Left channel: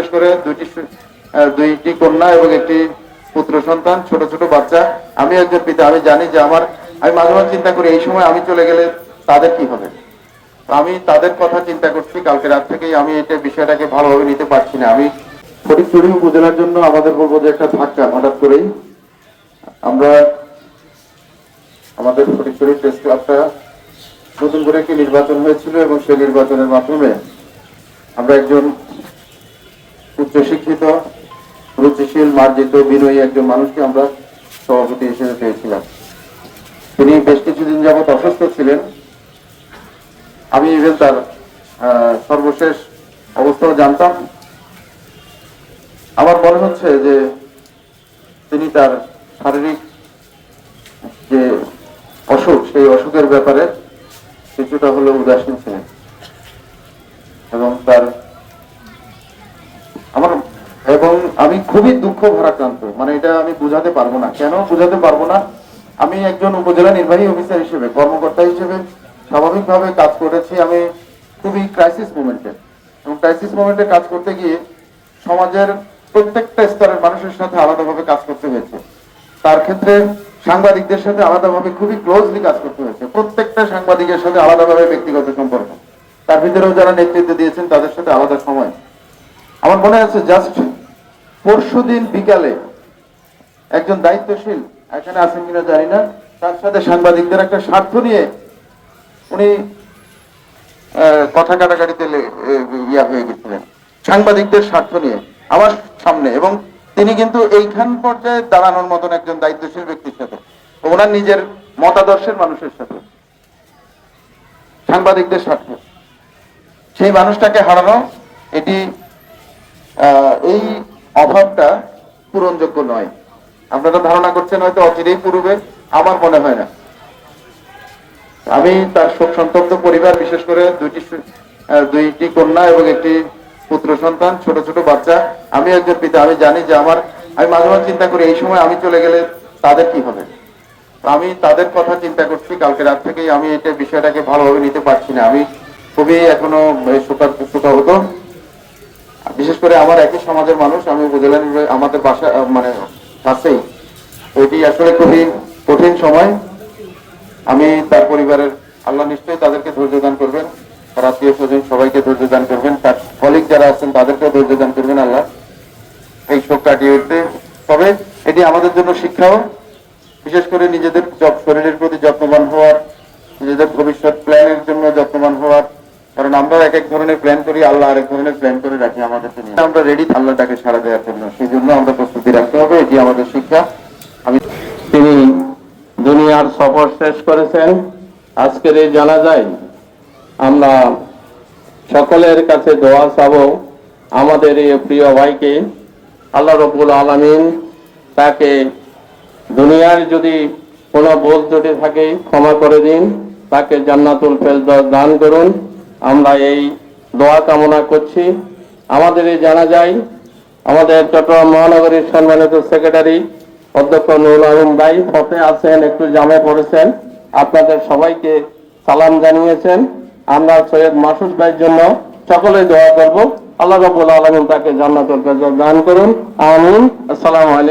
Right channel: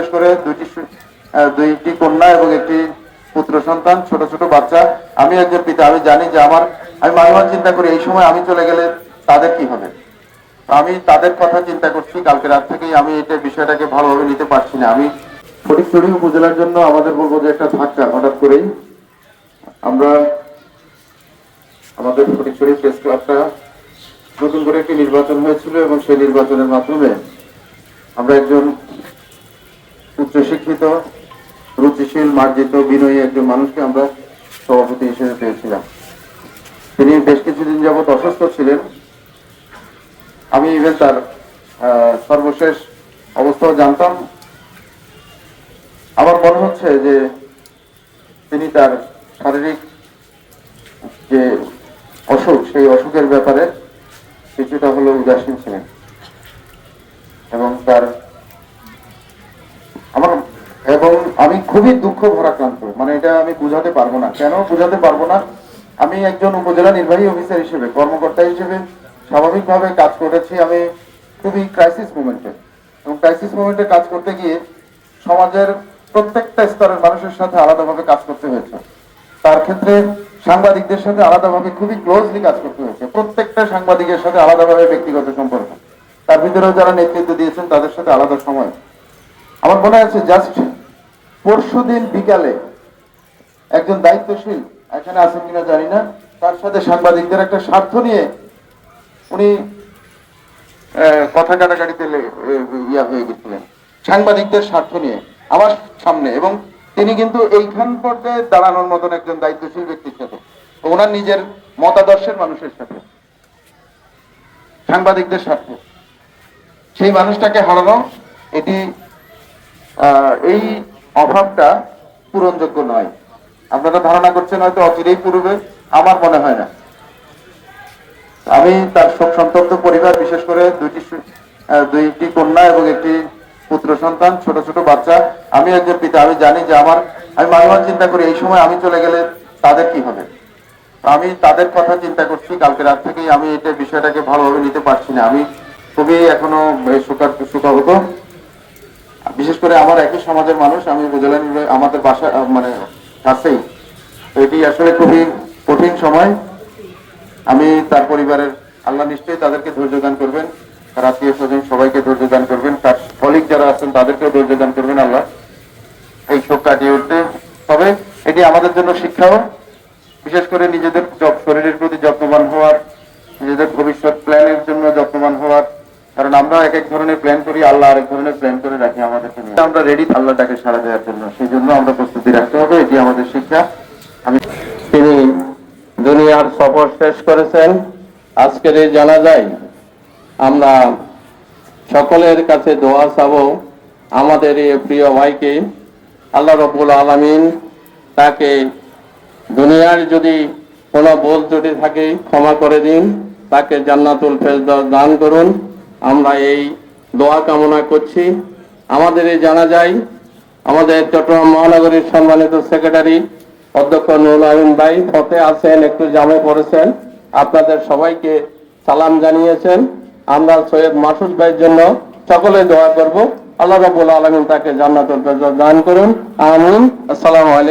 বিশেষ করে দুইটি দুইটি কন্যা এবং একটি পুত্র সন্তান, ছোট ছোট বাচ্চা। আমি একজন পিতা, আমি জানি যে আমার আমি মাঝে মাঝে চিন্তা করি, এই সময় আমি চলে গেলে তাদের কি হবে? আমি তাদের কথা চিন্তা করছি, কালকে রাত থেকেই আমি এটা বিষয়টাকে ভালোভাবে নিতে পারছি না। আমি ফটিকছড়ি উপজেলার জন্য আমাদের বলব যে একটা ধাক্কা, হঠাৎ করেই। আমরা আমাদের ফটিকছড়ি প্রেস ক্লাবটা নতুন করে একটি নির্বাচন হয়েছিল এবং সেই নির্বাচনের মাধ্যমে আমরা একজন উচ্চশিক্ষিত, রুচিশীল, মার্জিত, বিনয়ী একজন মানুষকে আমরা সভাপতি হিসেবে পেয়েছিলাম। তিনি বেশ কিছুদিন যাবৎ অসুস্থ ছিলেন। আমি ইভেন তার সর্বশেষ অবস্থাও জানতাম। আমার মনে হচ্ছে যে তিনি তার শারীরিক যে অসুখ, সেই অসুখের ব্যাপারে কিছুটা হলেও উদাসীন ছিলেন। এবং তার আমার, এবং আমি খুবই দুঃখ ভরাক্রান্ত। মানে এটা আমি বুঝাতে পারব না। কেন বুঝাতে পারব না? আমি একজন উপজেলা নির্বাহী অফিসার হিসেবে, কর্মকর্তা হিসেবে স্বাভাবিকভাবে কাজ করেছি আমি খুবই ক্রাইসিস মোমেন্টে এবং ক্রাইসিস মোমেন্টে কাজ করতে গিয়ে সমাজের প্রত্যেকটা স্তরের মানুষের সাথে আলাদাভাবে কাজ করতে হয়েছে। তার ক্ষেত্রে সাংবাদিকদের সাথে আলাদাভাবে খুবই ক্লোজলি কাজ করতে হয়েছে। প্রত্যেকটা সাংবাদিকের সাথে আলাদাভাবে ব্যক্তিগত সম্পর্ক। তার ভিতরেও যারা নেতৃত্ব দিয়েছেন, তাদের সাথে আলাদা সময়। আমার মনে আছে জাস্ট পরশু দিন বিকালে একজন দায়িত্বশীল এখানে আছেন কিনা জানি না, তার সাথে সাংবাদিকদের একটা স্বার্থ নিয়ে উনি কথা কাটাকাটিতে ইয়া হয়ে গেছিলেন। সাংবাদিকদের স্বার্থ নিয়ে আমার সামনে এবং তিনি কিন্তু এইখান পর্যায়ে দাঁড়ানোর মতন একজন দায়িত্বশীল ব্যক্তির সাথে ওনার নিজের মতাদর্শের মানুষের সাথে, সাংবাদিকদের স্বার্থে। সেই মানুষটাকে হারানো, এটি এই অভাবটা পূরণযোগ্য নয়। আপনারা ধারণা করছেন হয়তো অচিরেই পূরবে, আমার মনে হয় না। আমি তার শোক সন্তপ্ত পরিবার, বিশেষ করে দুইটি দুইটি কন্যা এবং একটি পুত্র সন্তান, ছোট ছোট বাচ্চা। আমি একজন পিতা, আমি জানি যে আমার আমি মাঝে মাঝে চিন্তা করি, এই সময় আমি চলে গেলে তাদের কি হবে? আমি তাদের কথা চিন্তা করছি, কালকে রাত থেকেই আমি এটা বিষয়টাকে ভালোভাবে নিতে পারছি না। আমি খুবই এখনও শোকার শোকাহত। বিশেষ করে আমার একই সমাজের মানুষ, আমি নির্বাহী- আমাদের বাসা মানে কাছেই। এটি আসলে খুবই কঠিন সময়। আমি তার পরিবারের, আল্লাহ নিশ্চয়ই তাদেরকে ধৈর্য দান করবেন। তার আত্মীয় স্বজন সবাইকে ধৈর্য দান করবেন। তার কলিগ যারা আছেন, তাদেরকেও ধৈর্য দান করবেন আল্লাহ। এই শোক কাটিয়ে উঠতে তবে এটি আমাদের জন্য শিক্ষাও। বিশেষ করে নিজেদের শরীরের প্রতি যত্নবান হওয়ার, নিজেদের ভবিষ্যৎ প্ল্যানের জন্য যত্নবান হওয়ার কারণ আমরা এক এক ধরনের প্ল্যান করি, আল্লাহ আরেক ধরনের প্ল্যান করে রাখি আমাদেরকে নিয়ে আমরা রেডি আল্লাহ তাকে সারা দেওয়ার জন্য। সেই জন্য আমরা প্রস্তুতি রাখতে হবে, এটি আমাদের শিক্ষা। আমি তিনি দুনিয়ার সফর শেষ করেছেন। আজকের এই জানা যায় আমরা সকলের কাছে দোয়া চাব আমাদের এই প্রিয় ভাইকে। আল্লাহ রবুল আলমিন তাকে দুনিয়ার যদি কোনো বোধ যদি থাকে, ক্ষমা করে দিন। তাকে জান্নাতুল ফেরদাস দান করুন। আমরা এই দোয়া কামনা করছি। আমাদের এই জানা যায় আমাদের চট্টগ্রাম মহানগরীর সম্মানিত সেক্রেটারি অধ্যক্ষ নুরুল আলম ভাই হতে আছেন একটু জামে পড়েছেন। আপনাদের সবাইকে সালাম জানিয়েছেন। আমরা সৈয়দ মাসুদ ভাইয়ের জন্য সকলে দোয়া করব। আল্লাহ রবুল আলমিন তাকে ফেরদাস দান করুন। আমিন। আসসালামু আলাইকুম।